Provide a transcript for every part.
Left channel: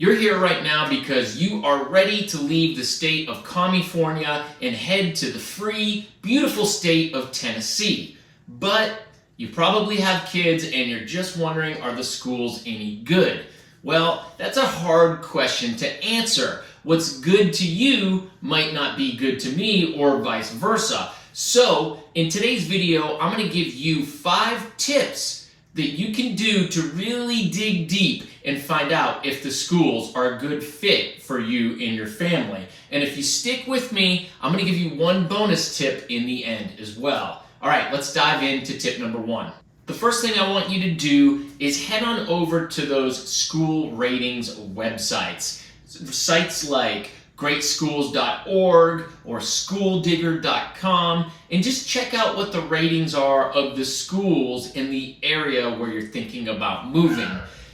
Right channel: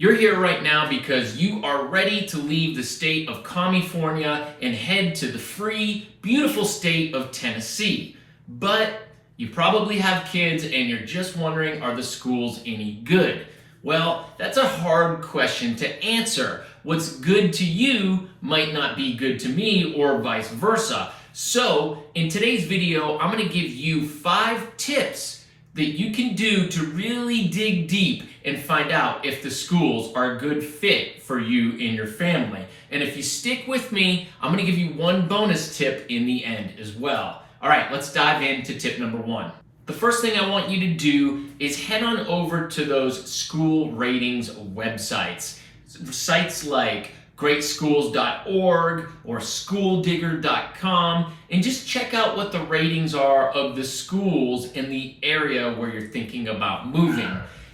You're here right now because you are ready to leave the state of California and head to the free, beautiful state of Tennessee. But you probably have kids and you're just wondering, are the schools any good? Well, that's a hard question to answer. What's good to you might not be good to me, or vice versa. So, in today's video, I'm going to give you 5 tips that you can do to really dig deep and find out if the schools are a good fit for you and your family. And if you stick with me, I'm going to give you one bonus tip in the end as well. All right, let's dive into tip number 1. The first thing I want you to do is head on over to those school ratings websites. Sites like greatschools.org or schooldigger.com, and just check out what the ratings are of the schools in the area where you're thinking about moving.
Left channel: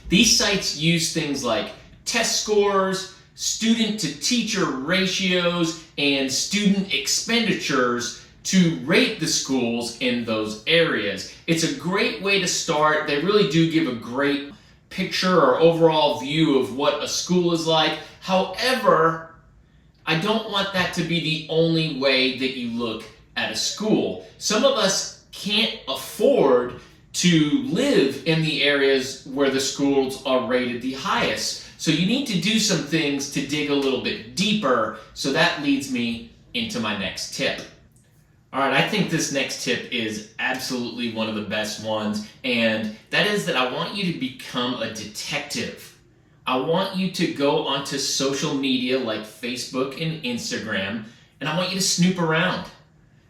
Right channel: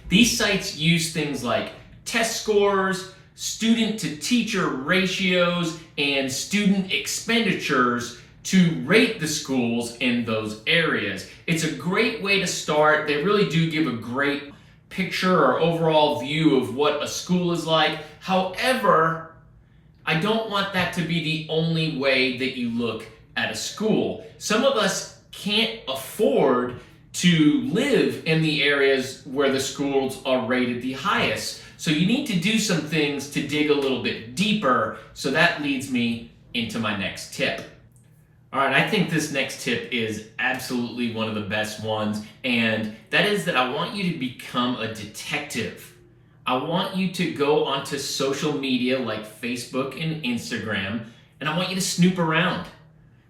These sites use things like test scores, student to teacher ratios, and student expenditures to rate the schools in those areas. It's a great way to start. They really do give a great picture or overall view of what a school is like. However, I don't want that to be the only way that you look at a school. Some of us can't afford to live in the areas where the schools are rated the highest. So you need to do some things to dig a little bit deeper. So that leads me into my next tip. All right, I think this next tip is absolutely one of the best ones, and that is that I want you to become a detective. I want you to go onto social media like Facebook and Instagram, and I want you to snoop around.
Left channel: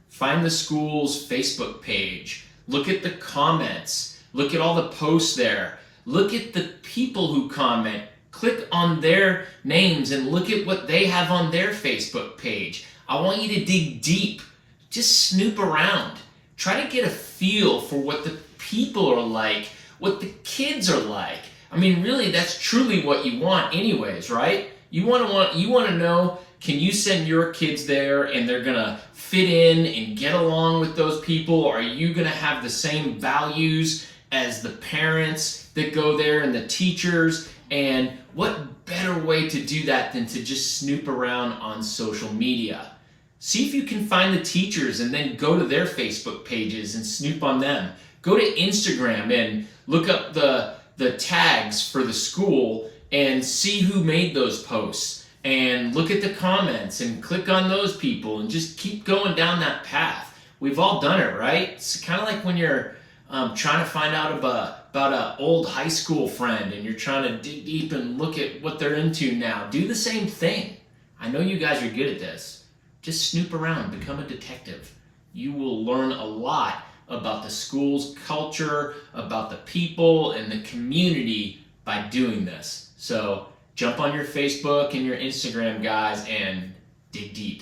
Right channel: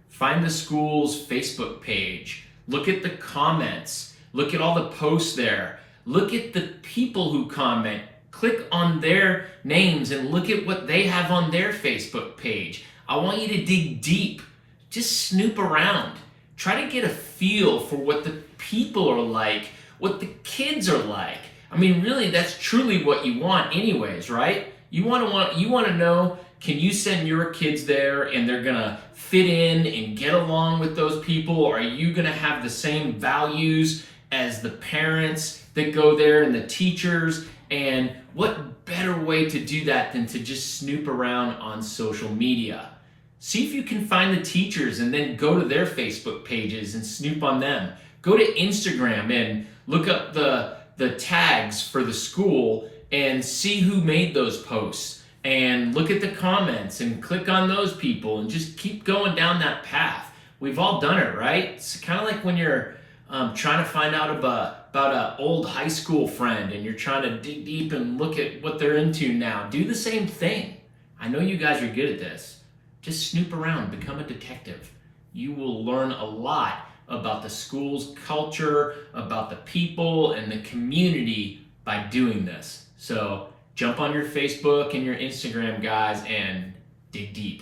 Find the school's Facebook page. Look at the comments. Look at all the posts there. Look at the people who comment. Click on their names and look at what they have on their Facebook page. I want you to dig deep. Just snoop around. Try to get a feel for what the people are like, what the kids are like. I mean, really, that's truly what you want anyways, right? You want to know, can you send your kids there and they're going to fit in and get along with those people? Are you going to have the same values as the parents that go there and the teachers? And what better way to do that than to just snoop around on social media? See if you can find the teachers and then go to their Facebook pages and snoop on them. Go to Instagram and look up the tags for the school and see who made those posts. And look at the comments and click on those people and just keep going down that path. We've all done it, right? It's kind of like when you're trying to find out about an old high school friend and you're trying to dig deep and look at what they're into now. Do the same thing. I know you guys are good at this. Just snoop around, become a detective. You will learn a lot about the school's culture, about the people and the community by doing this. So jump on your Facebook and your Instagram, guys, and dig deep.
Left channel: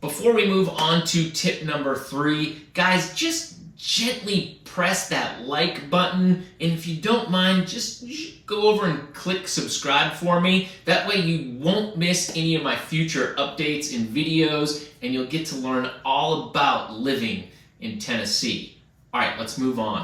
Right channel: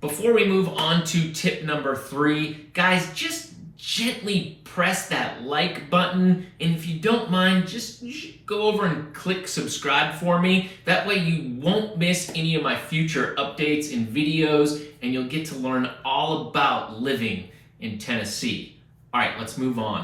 Before we move on to tip number 3, guys, just gently press that like button, and if you don't mind, just go over and click subscribe for me. That way you won't miss any of my future updates and videos, and you'll get to learn all about living in Tennessee. All right, let's move on.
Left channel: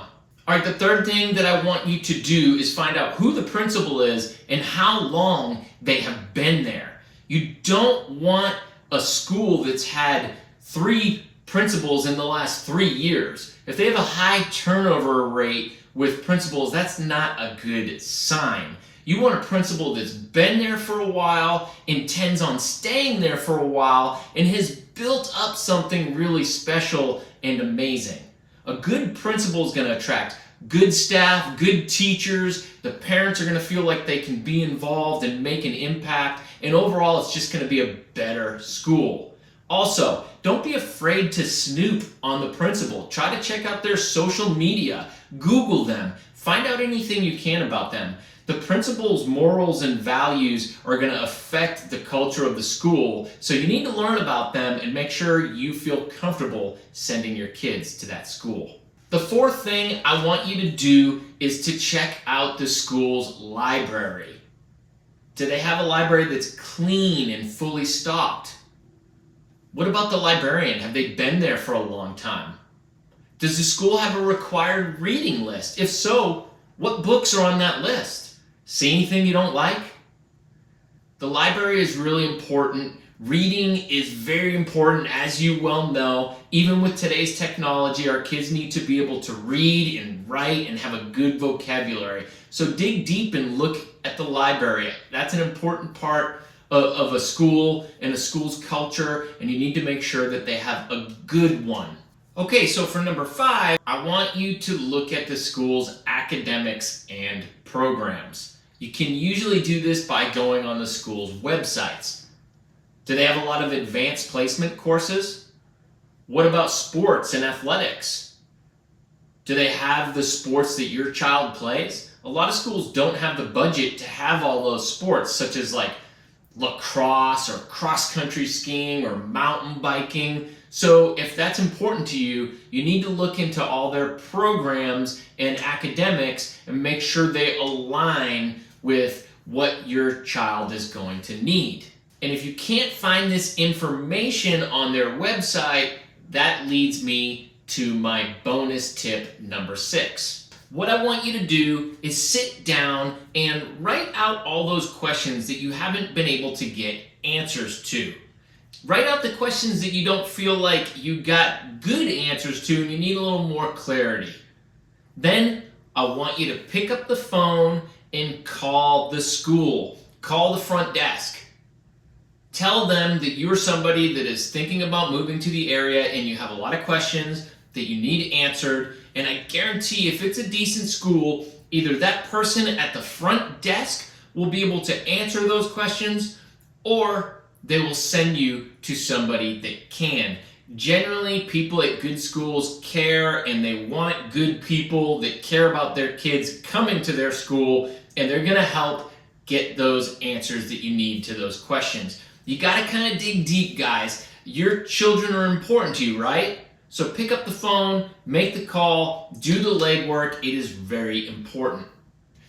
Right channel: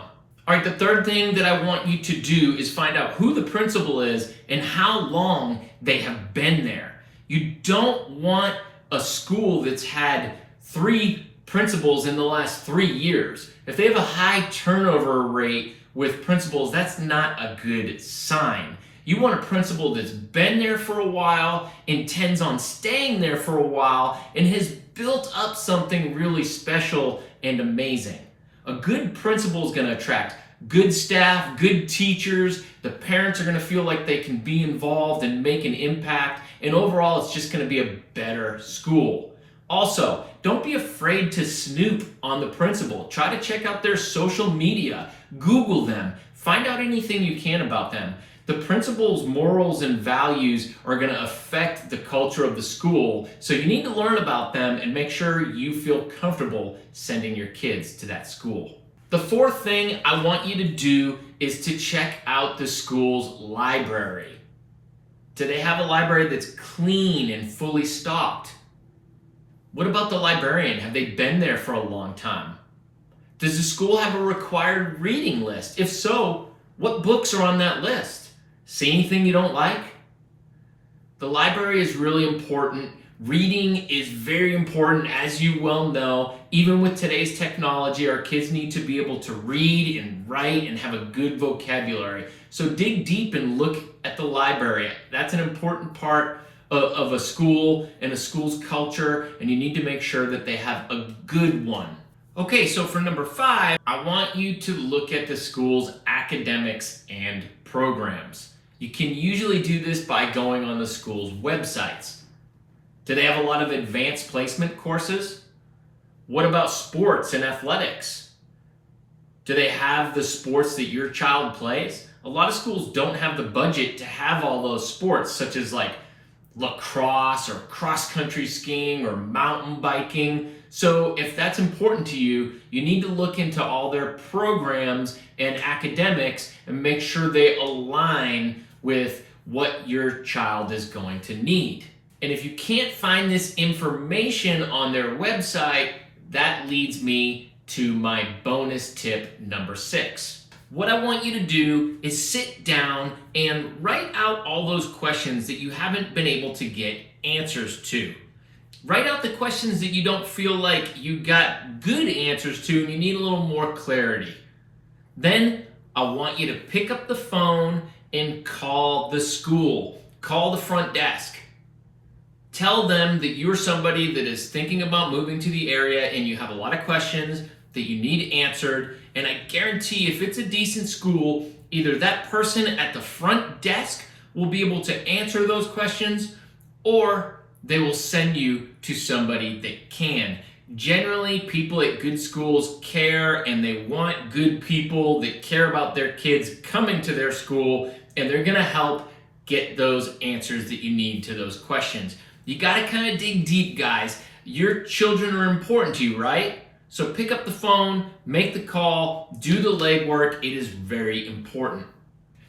All right, the third thing that I want you to do is find out who the principal is and how long they have been there. You don't want a school that's had 3 principals in the last 3 years. If they have a high turnover rate with principals, that's not a good sign. You want a principal that's been there for a while, intends on staying there for a while, and has built up something really special and amazing. A good principal is going to attract good staff, good teachers. The parents are going to feel like they can be involved and make an impact, and overall it's just going to be a better school. Also, don't be afraid to snoop on the principal. Try to check out their social media. Google them. Find out anything you can about them. The principal's morals and values are going to affect the culture of the school, so you need to learn about them and make sure you feel comfortable sending your kids to that school. The fourth thing I want you to do is to check out the school's library. Do they have a library that's clean and fully stocked? What about the librarian? Have they been there for a long time? Does the school have a required reading list? If so, what books are on that list? See anything you don't like? The library is really important. Reading is very important, as you well know. Even with today's technology, our kids need to be able to read and write and have a good vocabulary. So dig deep and look at the library. That's an important part of a school and a school's culture, and you need to make sure that they have a good one. Okay, so for number 5, I want you to look at the school's academics and programs. You can usually do this by going on the school's websites. Do they have a lot of advanced placement courses? What about sports and athletics? Do they have the sports that your child plays? A lot of schools don't have the budget to have all those sports, such as like lacrosse or cross-country skiing or mountain biking. So if that's important to you, you need to look into all their programs and academics and make sure they align with what your child is going to need. And if you can't find this information on their website, that leads me to my bonus tip number 6. What I want you to do is sit down and write out all those questions that you haven't been able to get answers to. Write out the questions that you don't feel like you got good answers to and you need a little more clarity. Then I want you to pick up the phone and call the school. Call the front desk. Tell them that you're somebody that is thinking about moving to the area and you have a lot of questions that you need answered. And I guarantee if it's a decent school, either that person at the front desk will be able to answer those questions, or they will send you to somebody that can. Generally, people at good schools care, and they want good people that care about their kids coming to their school, and they're gonna help get those answers that you need to those questions. You gotta kind of dig deep, guys. Your children are important to you, right? So pick up the phone, make the call, do the legwork. It is very important.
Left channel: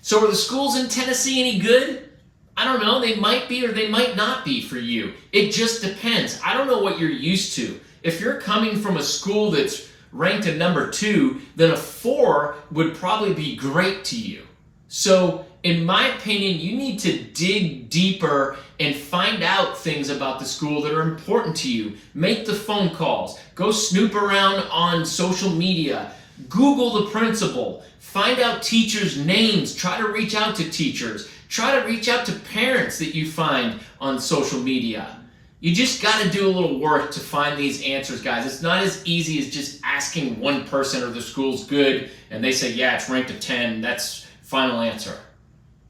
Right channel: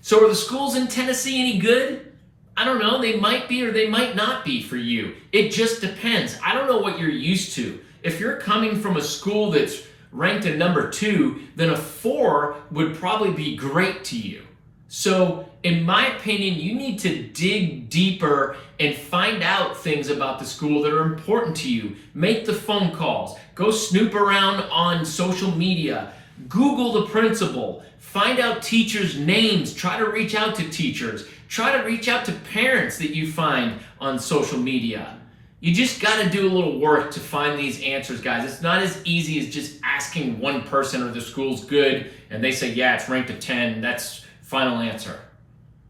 So are the schools in Tennessee any good? I don't know. They might be or they might not be for you. It just depends. I don't know what you're used to. If you're coming from a school that's ranked a number 2, then a 4 would probably be great to you. So in my opinion, you need to dig deeper and find out things about the school that are important to you. Make the phone calls. Go snoop around on social media. Google the principal. Find out teachers' names. Try to reach out to teachers. Try to reach out to parents that you find on social media. You just got to do a little work to find these answers, guys. It's not as easy as just asking one person or the school's good and they say, yeah, it's ranked a 10. That's final answer.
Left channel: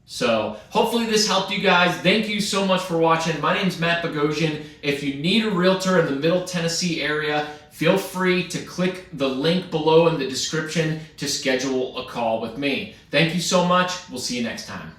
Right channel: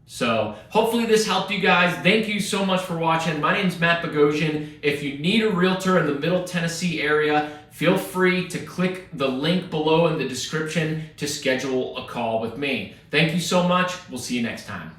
So hopefully this helped you guys. Thank you so much for watching. My name's Matt Bogosian. If you need a realtor in the Middle Tennessee area, feel free to click the link below in the description to schedule a call with me. Thank you so much. We'll see you next time.